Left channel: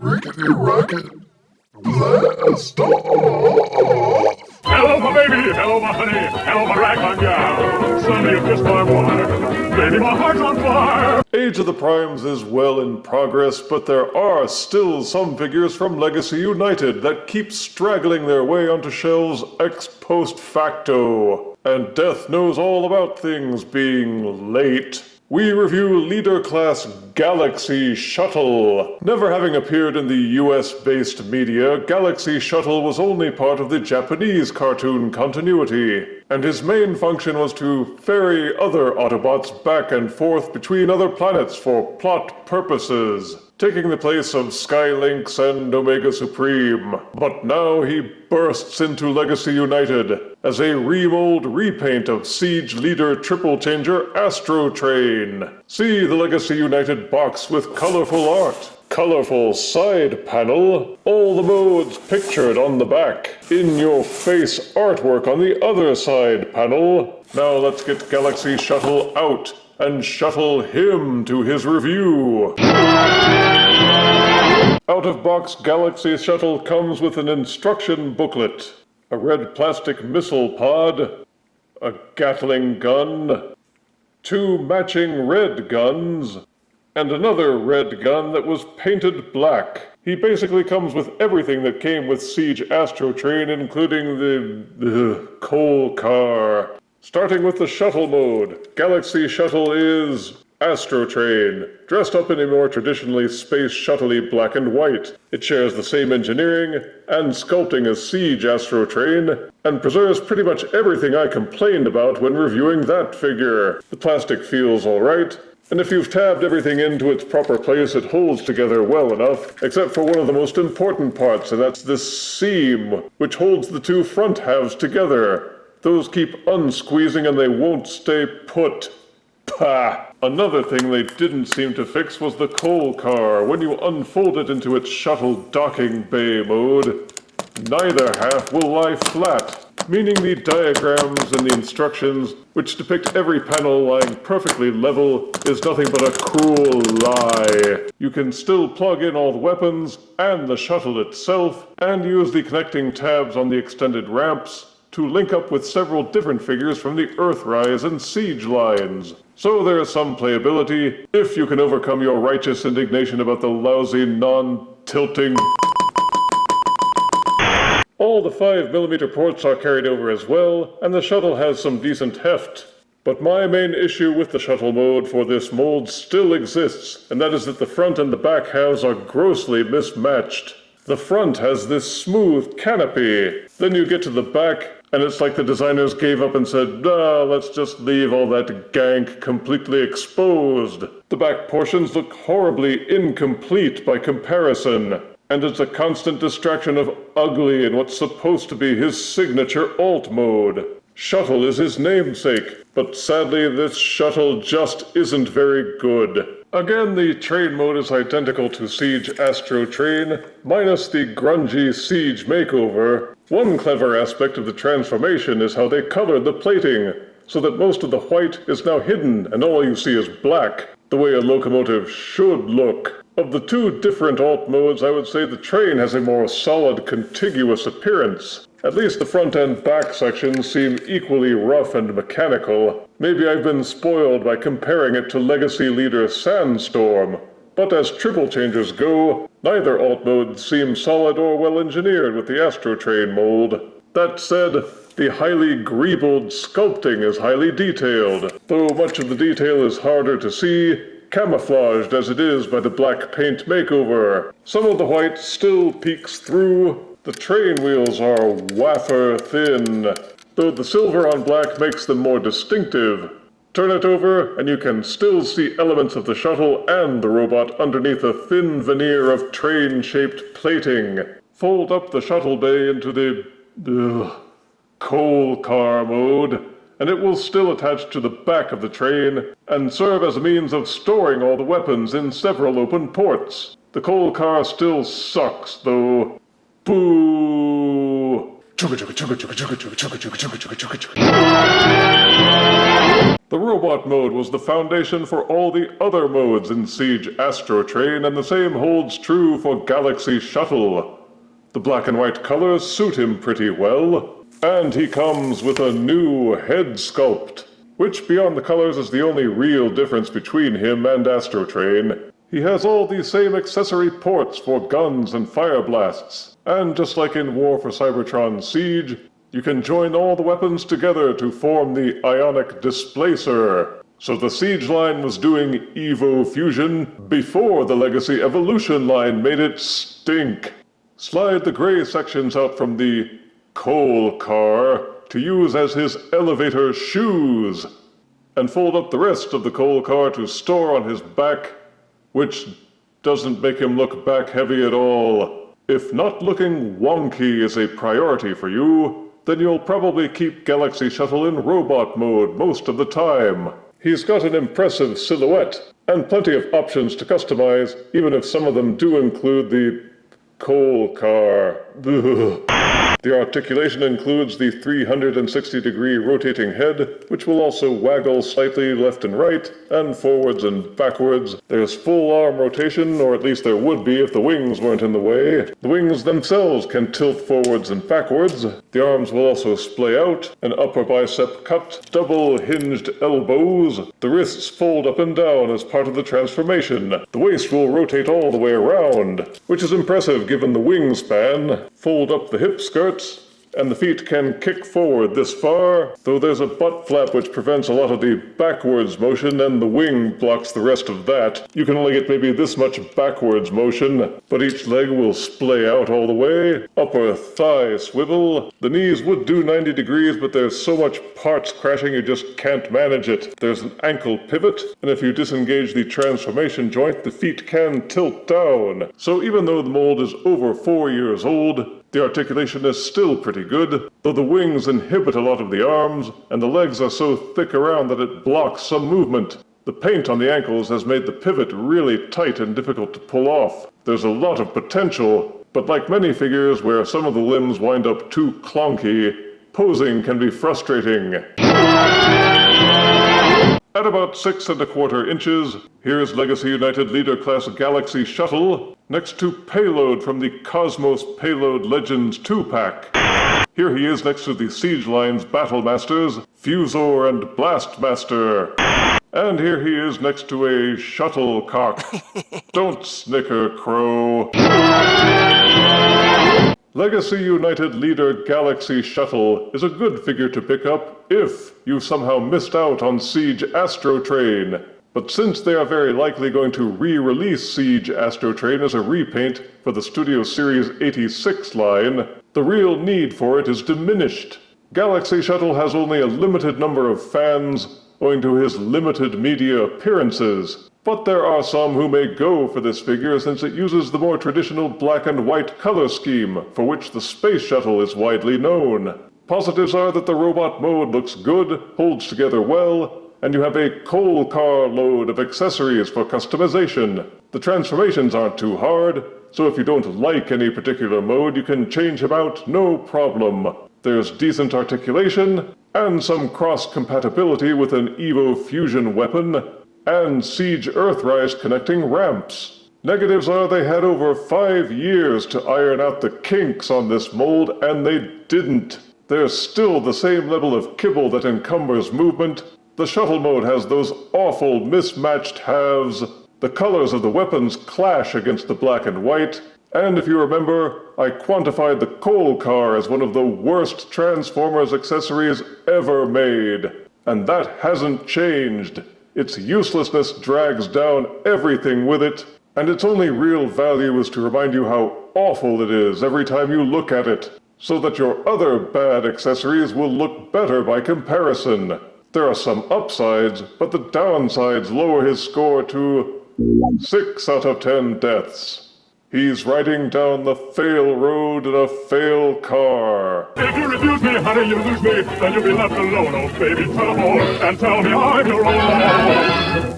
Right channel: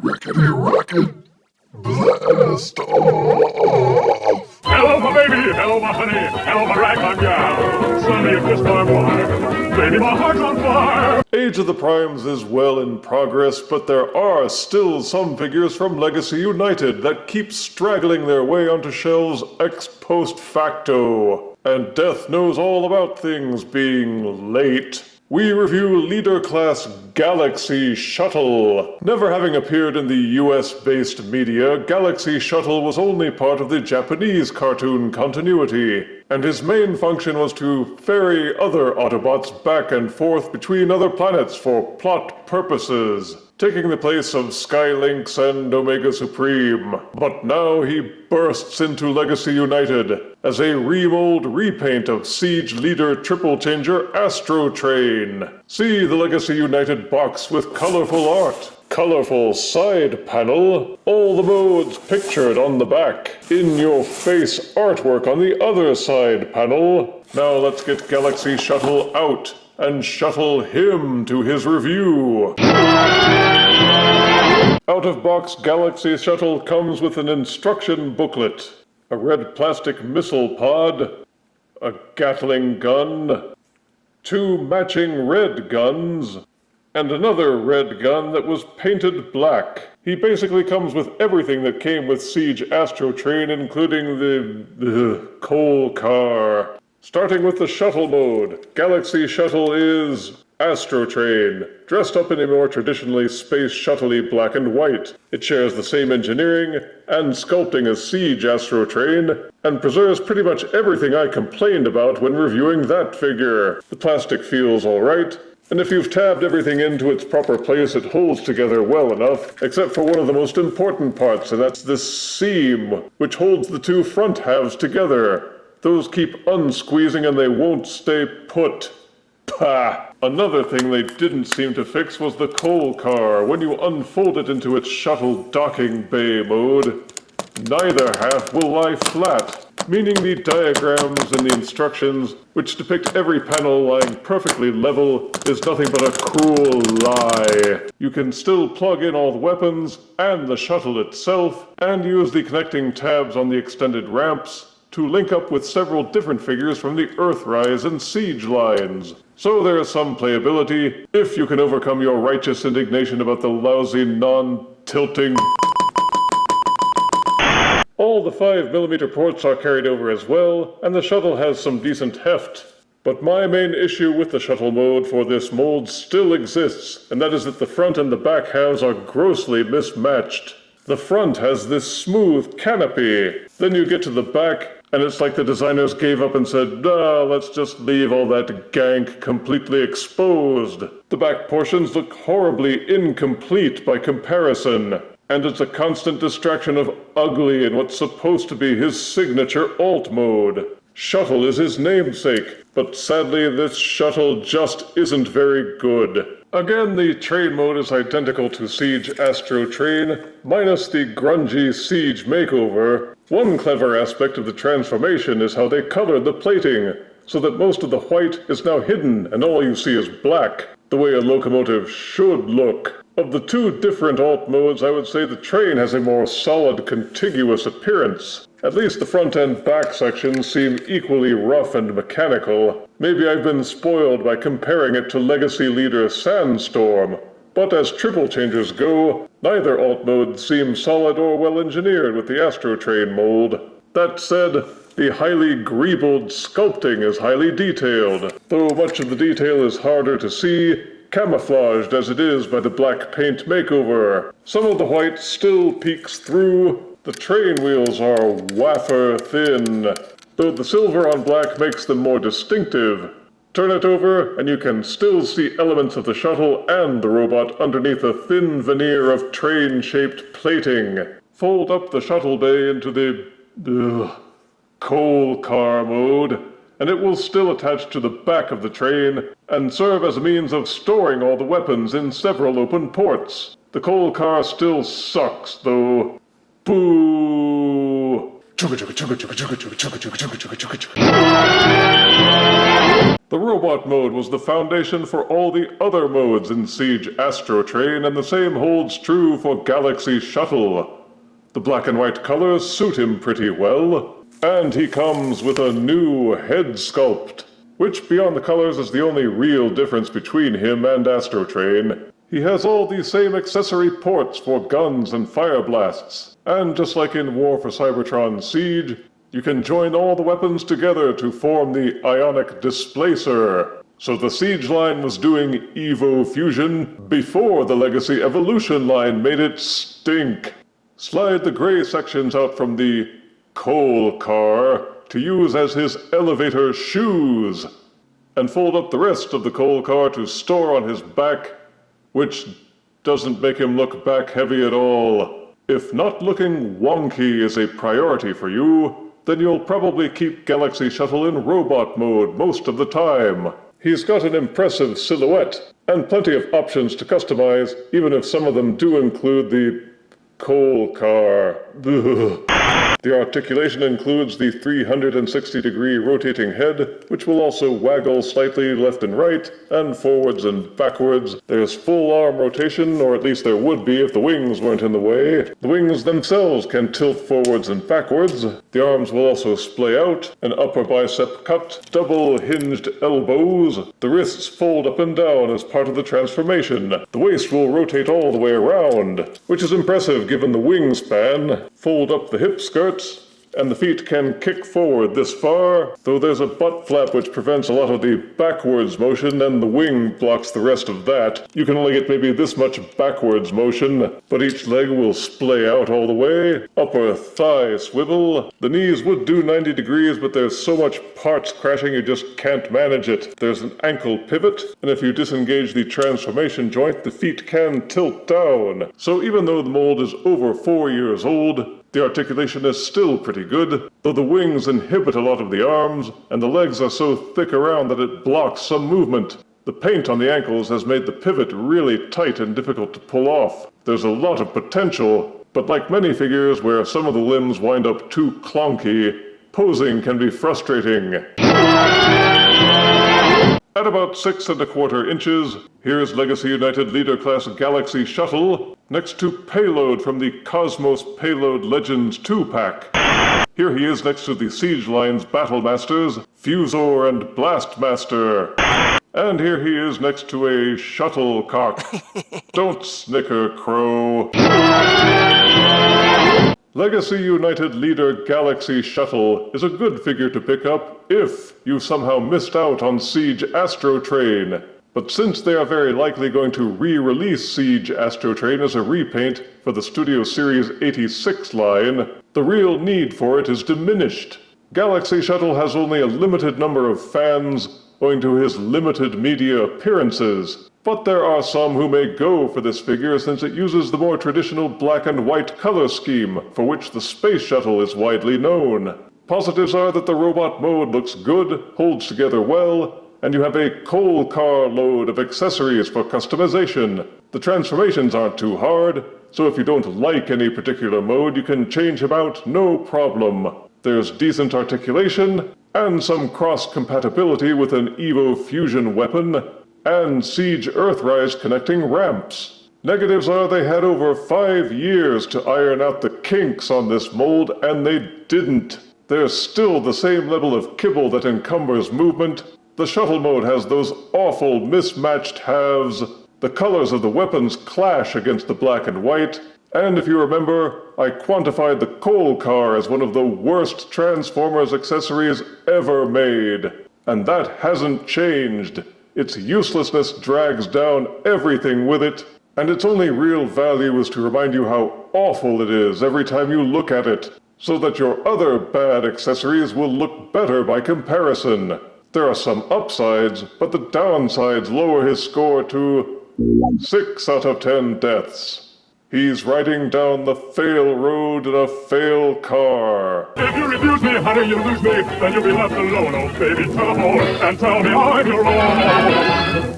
Rickety rocket, blast off! Hello, my baby! Hello, my honey! Hello, my ragtime gal! Suddenly you kissed my wife! Baby, my heart's on fire! Age of the Primes is well in progress, but there are still some figures from Legacy United that keep straggling their way onto shelves ex post facto. And Death knows all about things being late. We review Leader Class Galaxy Shuttle. Never having appeared in the US-based media, Galaxy Shuttle was only part of the Japanese cartoon continuity, and his main function was to ferry other Autobots back and forth between other planets for plot purposes, taking the place of Skylynx and Omega Supreme. But now he bursts into Legacy United as a remold repaint of Siege Leader Triple Changer Astrotrain. See the Legacy United box with colorful art, colorful side panel, all the modes pictured on the back, in-your-face artwork on the other side panel. Now let's get Galaxy Shuttle out and shuttle him to his review. Out-of-box Galaxy Shuttle comes with an instruction booklet, a red plastic missile pod, a Gatling gun, 2 matching red guns, and another red gun that was painted black. He basically comes with everything that came with Siege Astrotrain, including the coal car. Starting with the shuttle mode, Galaxy Shuttle is Astrotrain, dressed up in a more traditionally space shuttle-y black and white. It shares the same engineering and sculpting as Siege Astrotrain, and preserves pretty much everything I complained about when reviewing that figure. The plastic feels alright, and if you've tabbed everything into its proper place, it holds together well enough, except for one of the most important parts, and that's this seam, which holds the 2 front halves together. Those keep unsqueezing and they won't stay put. Pah! Another thing they didn't seem to fix was the coal car. When you unfold it into its shuttle docking bay mode, neither half will lie flat, meaning the diagrams and the instructions, which depict every panel lying perfectly level, is nothing but a cruel lie. You can still plug in all the weapons and the shuttle itself, and use the connecting tabs on the extended ramps to link up with several different figures from the Earthrise and Siege lines. So there is some playability, if you can overcome your righteous indignation about the lousy, non-tilting. All the 5mm ports are carried over as well, and the shuttle has some decent heft. But my main issue with the shuttle mode for this mold still exists, and that is that the front and the back halves are grossly mismatched. The front has this smooth canopy. Then you get to the back, and it's like the designers gave up and said, nah, let's just leave all that gank completely exposed. The back portions look horribly incomplete by comparison, and it's a constant distraction of ugly in what's supposed to be his signature alt mode. Shuttle is his namesake, but sadly this shuttle just isn't very good. Again, the train mode is identical to Siege Astrotrain, minus the grungy Siege makeover. One clever aspect of the transformation is how they colored the plating, so that most of the white is now hidden and all you see is black, the way a locomotive should look. Of the 2 different alt modes, I would say the train has a more solid, contiguous appearance. At least the front and back sections seem equally rough and mechanical. Maybe I've been spoiled by comparing it to Legacy Leader Sandstorm. But as triple changers go, neither alt mode seems solid or well engineered with the Astrotrain mold. That said, the highly greebled sculpting is highly detailed, though much of the detail is harder to see, camouflaged as it is by the black paint makeover. Some of the white still peeks through. The train wheels are wafer thin, though the silver on black makes them more distinctive. Turn it over, and you can still see elements of the shuttle and the robot underneath a thin veneer of train-shaped plating. Fold up the shuttle bay into the coal car mode, and it will still attach to the back of the train and serve as a means of storing all the weapons in several open ports. The coal car still sucks, though. Boo! The robot mode was the foundation for all the other modes in Siege Astrotrain, and the same holds true for Galaxy Shuttle. The black and white colors suit him pretty well, and he comes with a new head sculpt, which beyond the colors is the only real difference between him and Astrotrain. He has all the same accessory ports for guns and fire blasts, and just like in War for Cybertron Siege, you can join all the weapons together to form the Ionic Displacer. So the Siege line was doing Evo Fusion before the Legacy Evolution line made it stink. Slide the gray sections out from the coal car to use as his elevator shoes, and fold up the rest of the coal car to store on his back, which doesn't make him look back heavy at all. If not looking wonky is a priority for you, then you'll probably keep Galaxy Shuttle in robot mode most of the time. He's got an impressive silhouette, and plenty of options to customize, even if some of them do include the coal car. Ugh. The articulation includes the 360-degree rotating head, which will also waggle slightly left and right, and forwards and backwards. There's full arm rotation, or at least there would be if the wings weren't in the way. The wings themselves can tilt forwards and backwards. The arms will also splay out, an upper bicep cut, double hinged elbows. The wrists fold up and down as part of the transformation. The waist will rotate all the way around, which is impressive given the wingspan. Fold up the hip skirt, and the feet can kick forward this far, though there's a butt flap which prevents a lot of the backwards motion, and the wing blocks the rest of that. You can only get maybe this much backwards motion, but each leg will splay out all the way. Upper thigh swivel. The knees would do 90 degrees, but there's so much parts crashing you just can't manage it. There's an ankle pivot, and if you disengage the transformation joint, the feet can tilt down. So even though the mold is over 4 years old, the articulation is still pretty good, though the wings inhibit a lot of the arms, and the legs are so thick around that it blocks some movement. The paint on the ankles has made the pivot really tight and difficult to pull off. There's a lot of potential, but like many figures where some of the limbs wind up too clunky, posing can be frustrating. At about 6 1/4 inches, here's Legacy United Leader Class Galaxy Shuttle, next to Payload from the Cosmos Payload Legends 2-pack. Here he is next to the Siege Line's Battle Masters, Fusor and Blastmaster. And here he is next to a shuttlecock. Don't snicker, Crow. Legacy United Leader Galaxy Shuttle is a good figure to pick up if you somehow missed out on Siege Astrotrain. But since they are very likely going to re-release Siege Astrotrain as a repaint for the Studio Series 86 line, the real need for it is diminished. Galaxy Shuttle has only a limited number of fans owing to his limited media appearances. But there are some who may go for this figure since it uses the more traditional black and white color scheme, for which the Space Shuttle is widely known. Positives are that the robot mode looks good, holds together well, and you have a coal car load of accessories for customization. The transformations aren't too hard, so if you don't like any particular mode, you can change them out no problem. There's decent articulation, and some cross-compatibility with an Evo Fusion weapon, and Siege Earthrise connecting ramps. Negatives are they had over 5 years to iron out the kinks on this mold, and they didn't. There's still the same level of kibble that encumbers movement. The shuttle mode has those awful mismatched halves. The colors of the weapons clash against the black and white. And if you remember, I quantified the coal car as one of the worst Transformers accessories ever made. And that hasn't changed. Its uselessness drags down everything with it, and its only real value is to remind you how awful it is every time you look at it, so that your other bad accessories will look better by comparison. There are some upsides, but the downsides lower his score to 6 out of 10 deaths. He's riding down the fail road in a fail car. If you refuse me, honey, you lose me. Then you'll be left alone, oh baby. Tell them all and tell me I'm your own.